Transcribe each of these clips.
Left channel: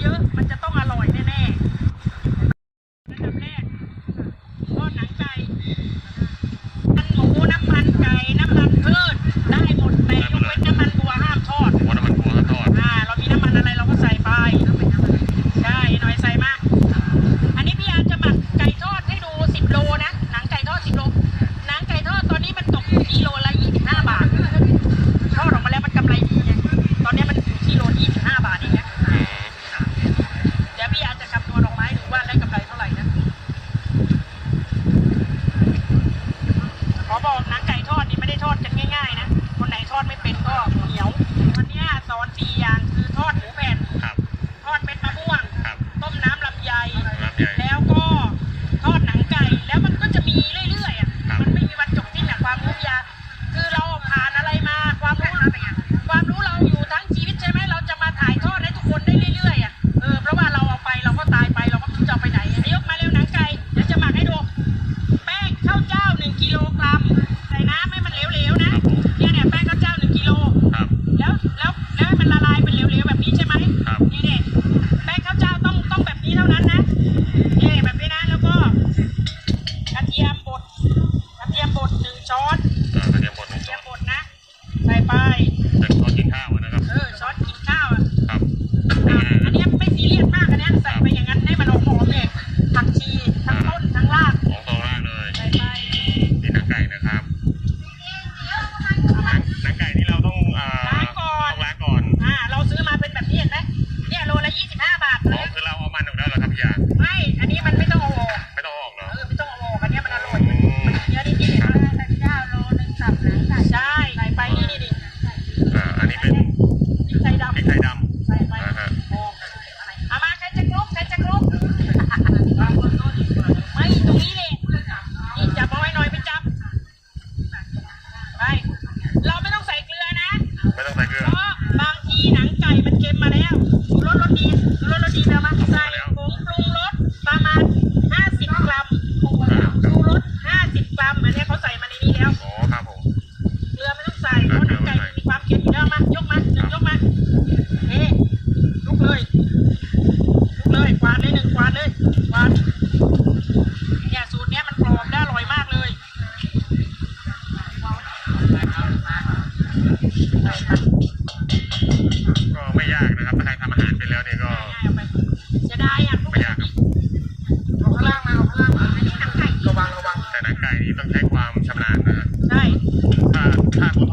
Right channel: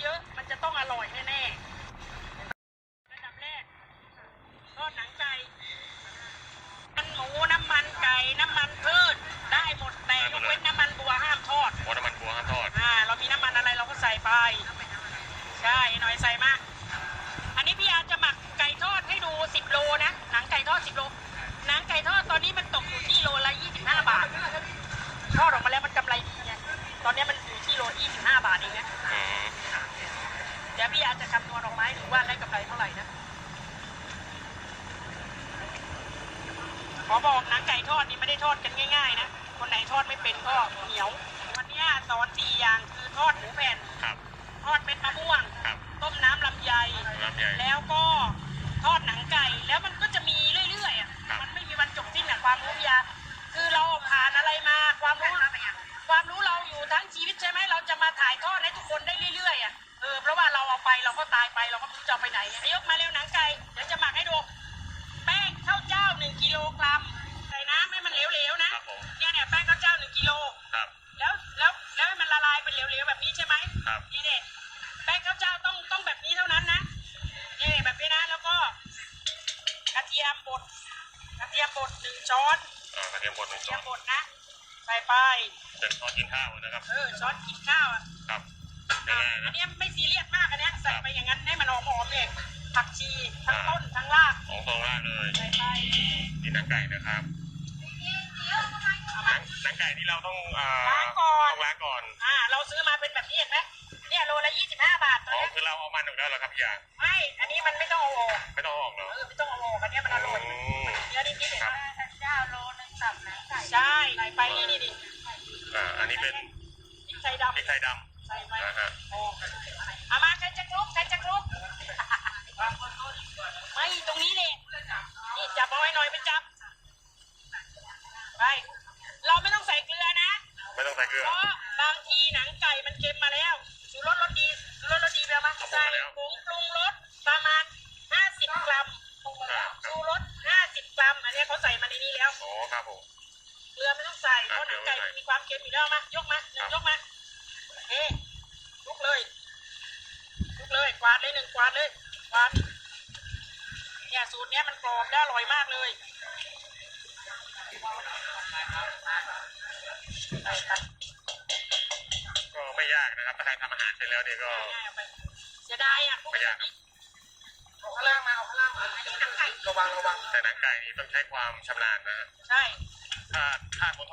เยอะมันจะต้องอร่อยแน่ๆนันแรกทอดหนังไก่กันหมูน้ำมันไก่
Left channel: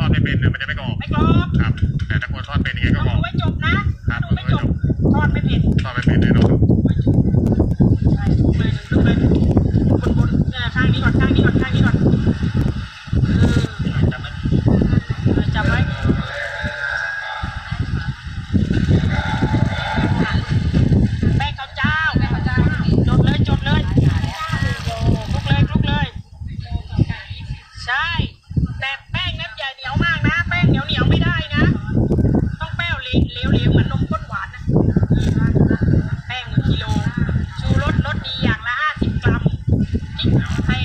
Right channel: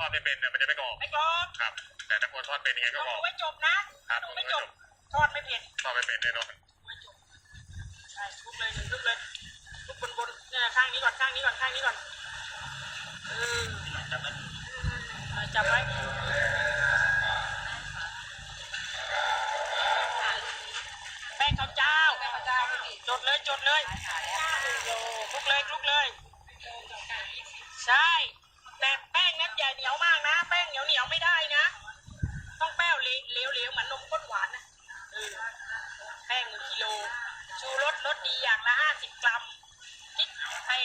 อดไม่เป็นเรือไมันจะไม่กรอบไม่กรอบครับ แต่ถ้าคนทอดเป็นยังไงก็กรอบไม่จบนะครับไม่จบทอดไม่เป็นทอดไม่เป็นเลยเนาะ ให้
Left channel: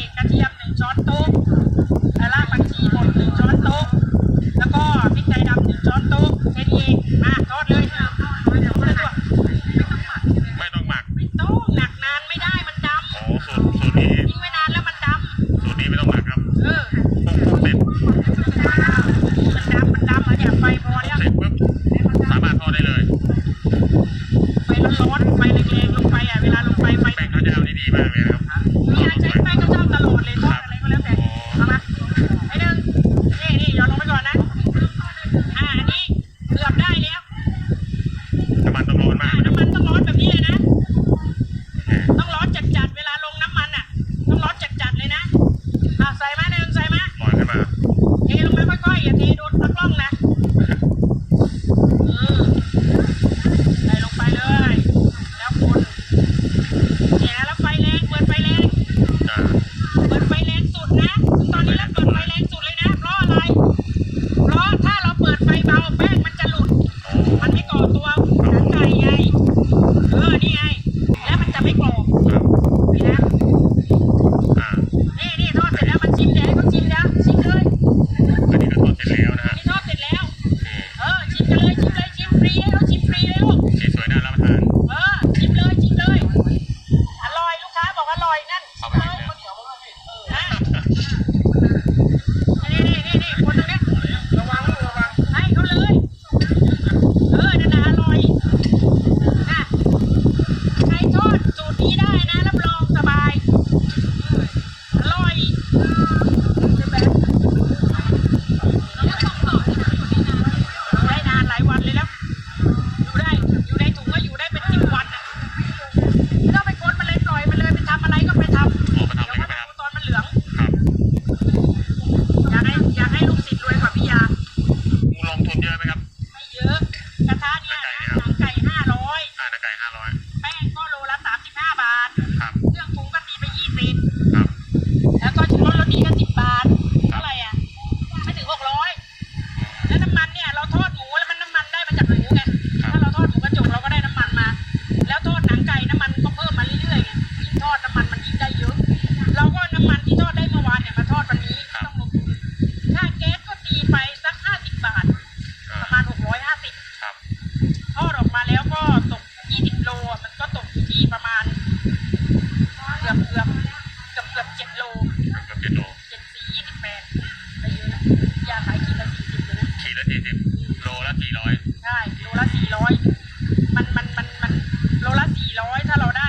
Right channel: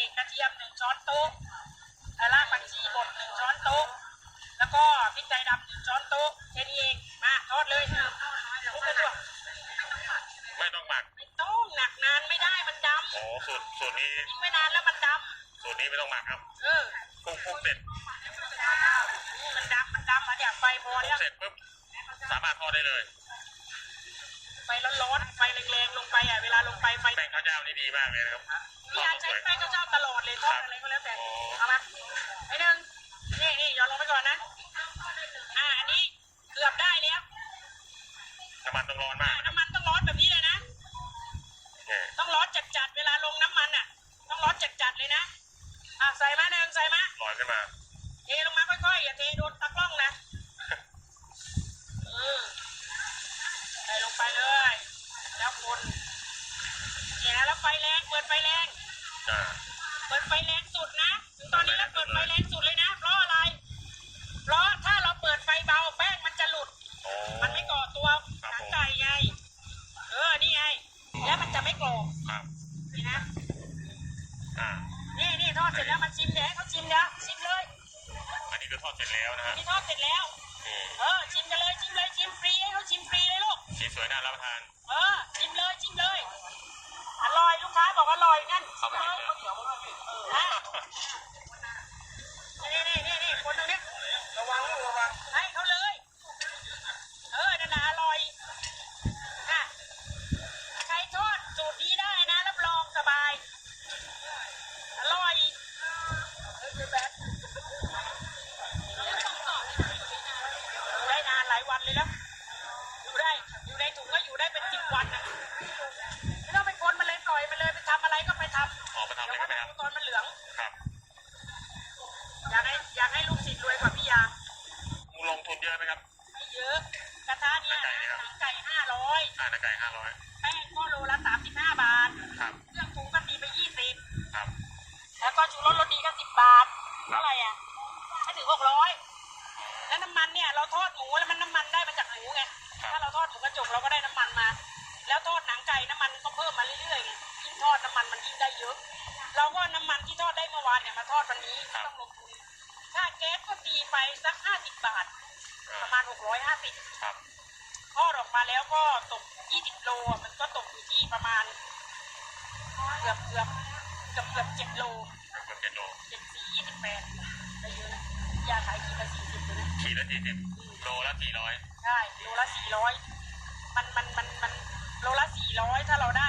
สี่สิบโลละสี่ร้อยใช่โลละสี่ร้อยมันมันมันมันโลละสี่ร้อยถ้าเราได้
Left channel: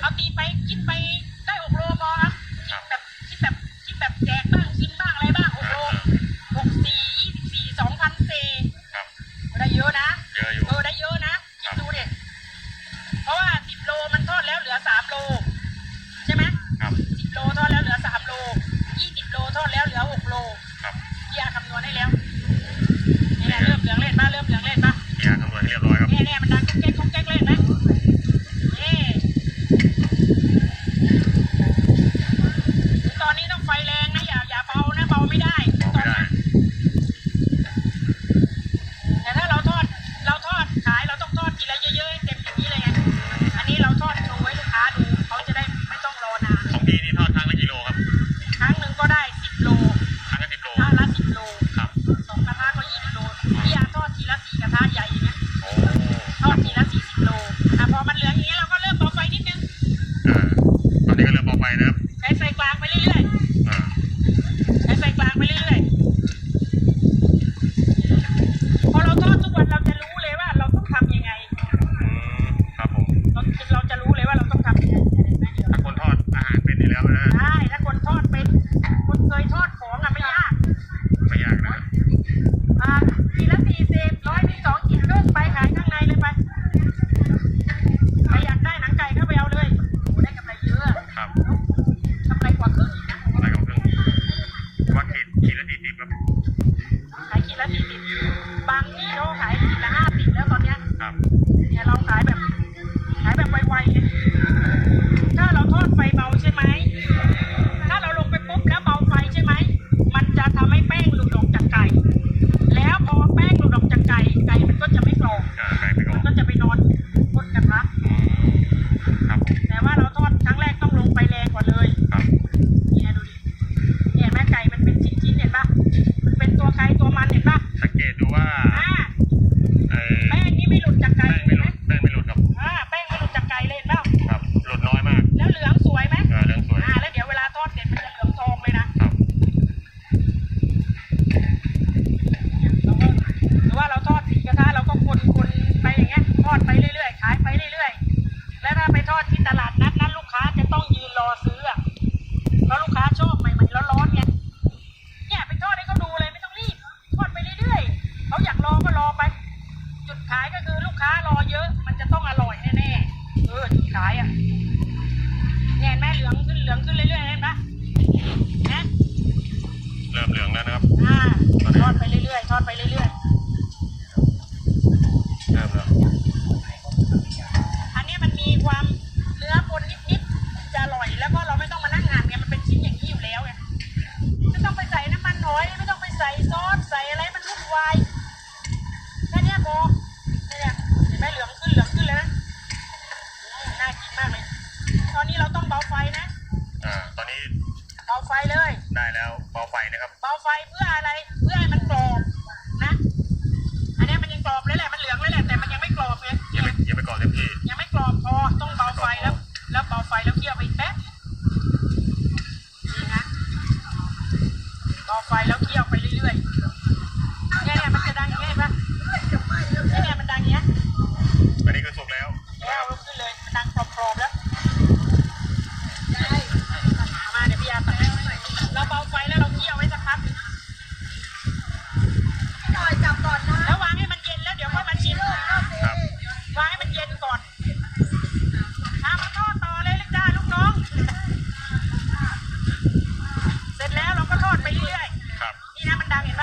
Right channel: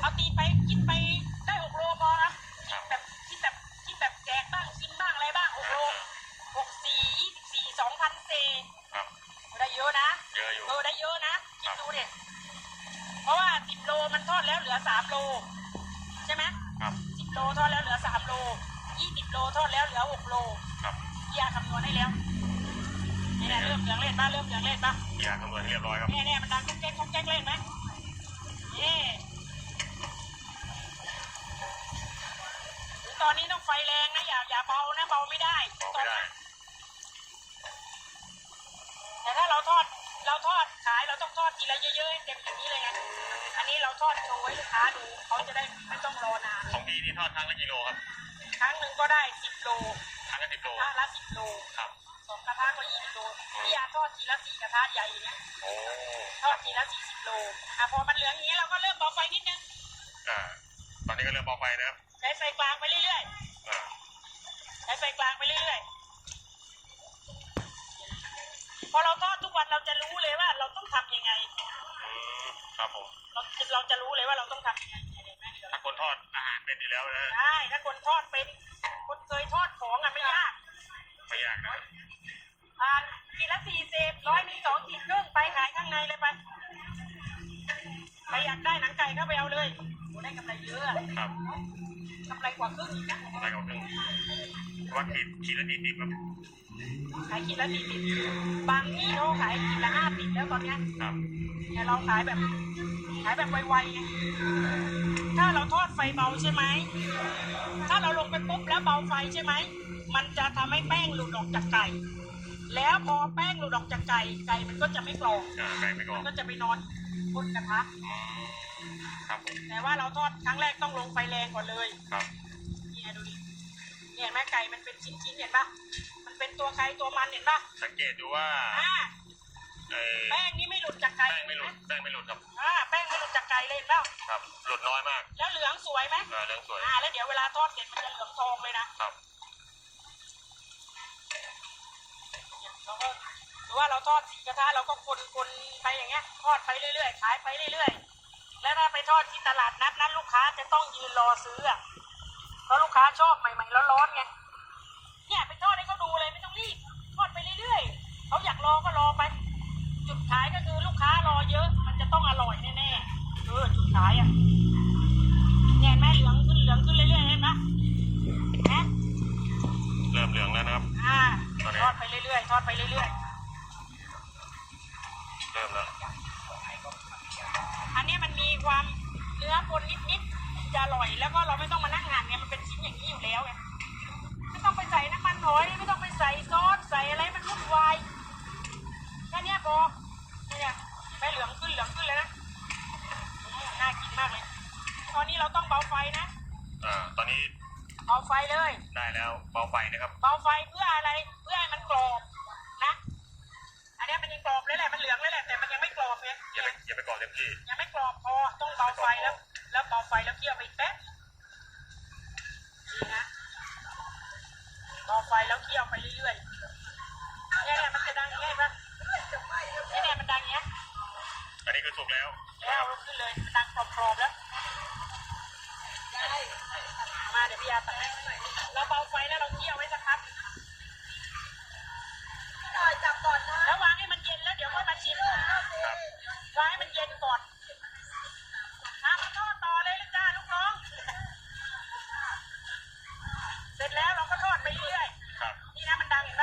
เอาตีไปกินไปได้หกโลพอครับกินแบบกินแบบกินแบบแจกบ้างกินบ้างอะไรบ้างหกโลหกสี่ยี่สิบสี่สองพันเซได้เยอะนะเยอะอยู่เออได้เยอะนะกินดูเด็ดเพราะว่าสิบโลมันทอดแล้วเหลือสามโลใช่ไหมครับสิบโลทอดแล้วเหลือสามโลยี่สิบโลทอดแล้วเหลือหกโลครับยาคำนวณให้แล้ว เริ่มเหลืองเล่นมาเริ่มเหลืองเล่นมาเคลียร์ตำรวจให้เรียบร้อยครับ เนี่ยเนี่ยมันดังแก๊กแก๊กแก๊กเล่นไหม ยทอดของอะไม่ยากไม่ยากนะอ่าทีละสี่สิบร้อยมีสองขีดครึ่งไปขายข้างในเลยไปใครอยากได้หนังไก่ก็ไปเอาเลยได้กำไรเยอะครับกำไรกว่าครึ่งอีกนะกำไรกว่าครึ่งว่าขีดขีดละสี่สิบครับขายขีดละสี่สิบบางที่เขาขายขีดละห้าสิบแล้วตอนเนี้ยครับแต่เราขายแบบ ขายแบบไวๆไงถ้าเราทอดไฟเบาใช่ไหม ขายก็คือลูกค้ารอเยอะ มันจะต้องอร่อยแน่ๆ เออจุดขายอะเนี่ยแม่เหลืองขึ้นเหลืองขึ้นเรื่อยๆเห็นไหมนะเริ่มเหลืองแล้วนะครับอ่าทอดไปเรื่อยๆทอดไปเรื่อยๆ Pinapandahin